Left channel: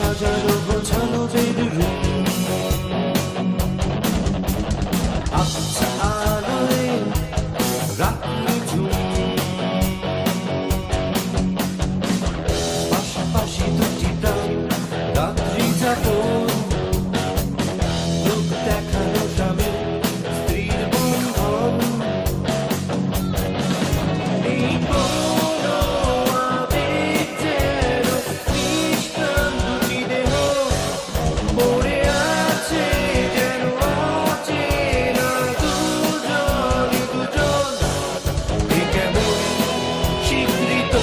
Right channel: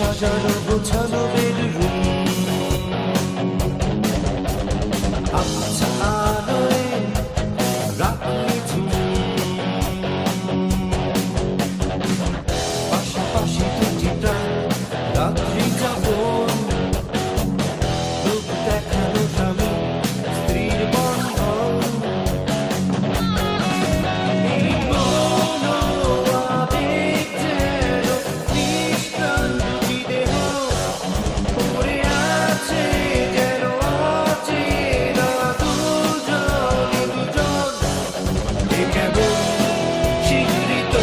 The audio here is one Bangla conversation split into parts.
সাজানো গোছানো বেডরুম, আচ্ছা আলোয় রাত নিঝুম, পাশাপাশি দুটি প্রাণ রাত্রি যাপন, লোক দেখানো স্বামী স্ত্রীর বন্ধন। এই কোনো আবেগ যেন নিষ্প্রাণ দুটি দেহ পড়ে আছে যেন অচেনা দুজনে দুজন। এ কেমন স্বীকৃত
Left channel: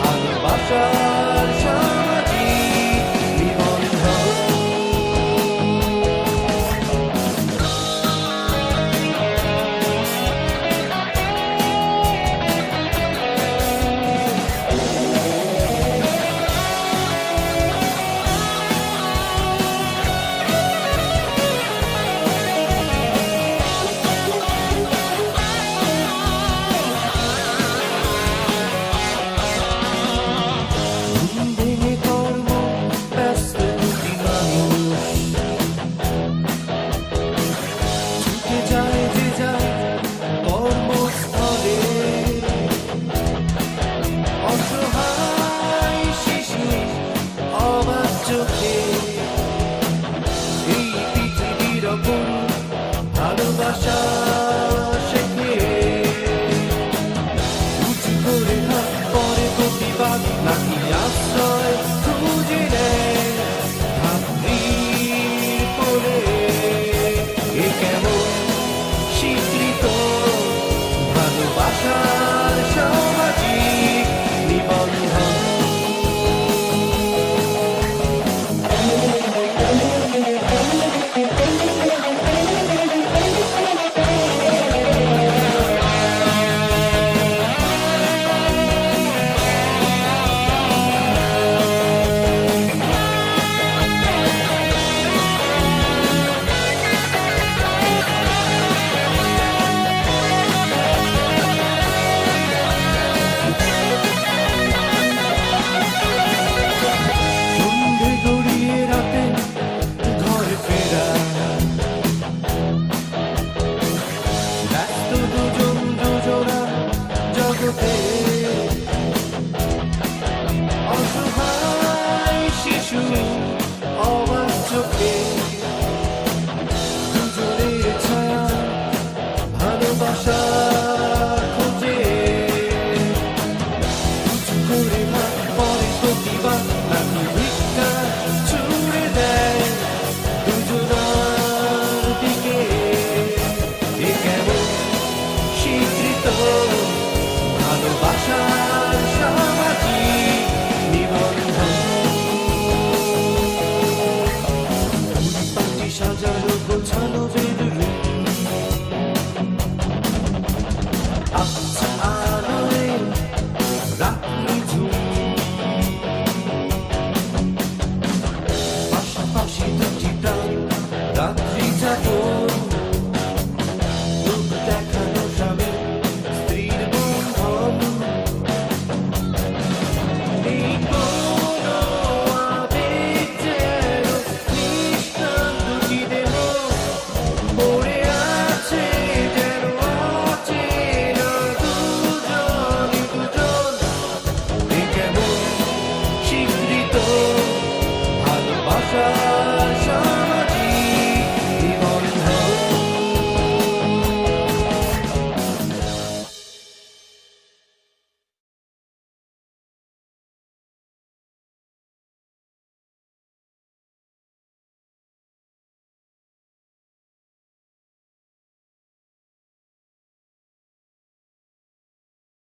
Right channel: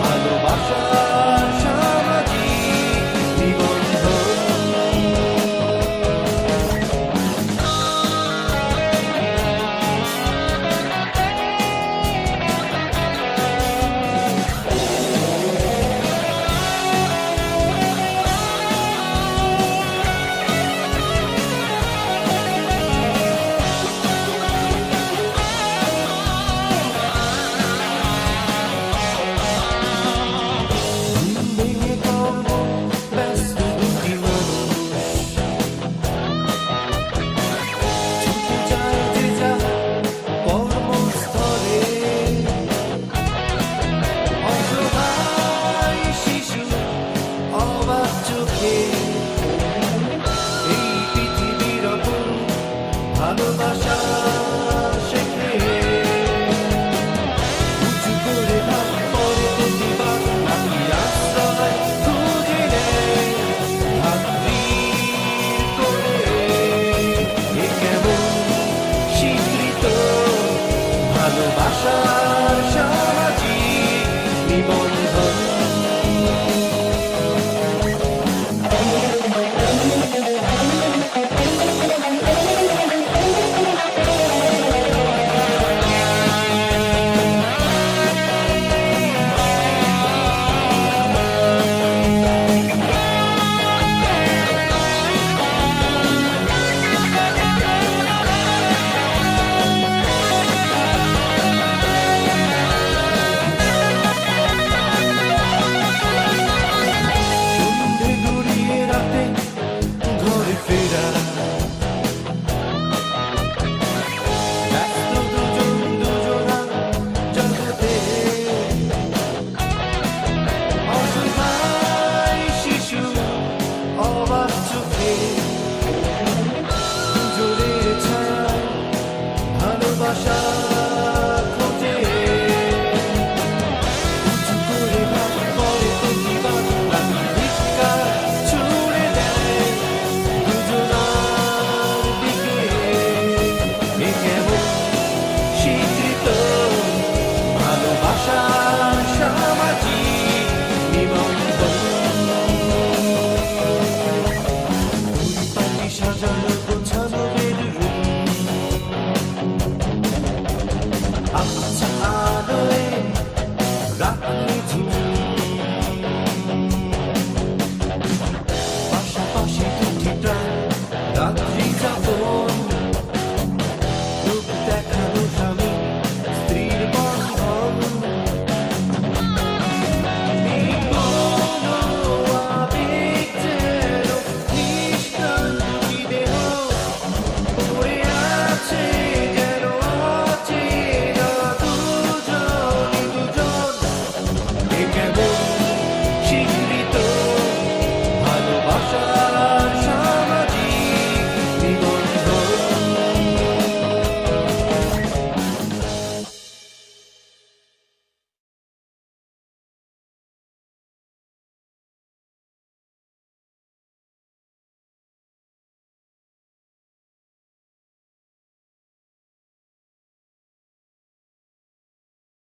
ভালোবাসার সামাজিক নিবন্ধন। অসহায় শিশু অবাক চোখে এই পৃথিবীর অপরূপ ভালোবাসা শেখে। উঁচু করে হাত পরে প্রতিবাদ নাকি আশ্রয় খুঁজে নেয় ধাত্রীর কোলে। এ কেমন স্বীকৃত ভালোবাসার সামাজিক নিবন্ধন। ঘরে ফেরা ব্যস্ত দুজন দুজনা জগতে, অসহায় শিশু অবাক চোখে দুজনের ছায়া ভালোবাসা খোঁজে। উঁচু করে হাত পরে প্রতিবাদ নাকি ভিক্ষা ছুড়ে দেয় দুজনার দিকে। এ কেমন স্বীকৃত ভালোবাসার সামাজিক নিবন্ধন। পরিপাটি সাজানো গোছানো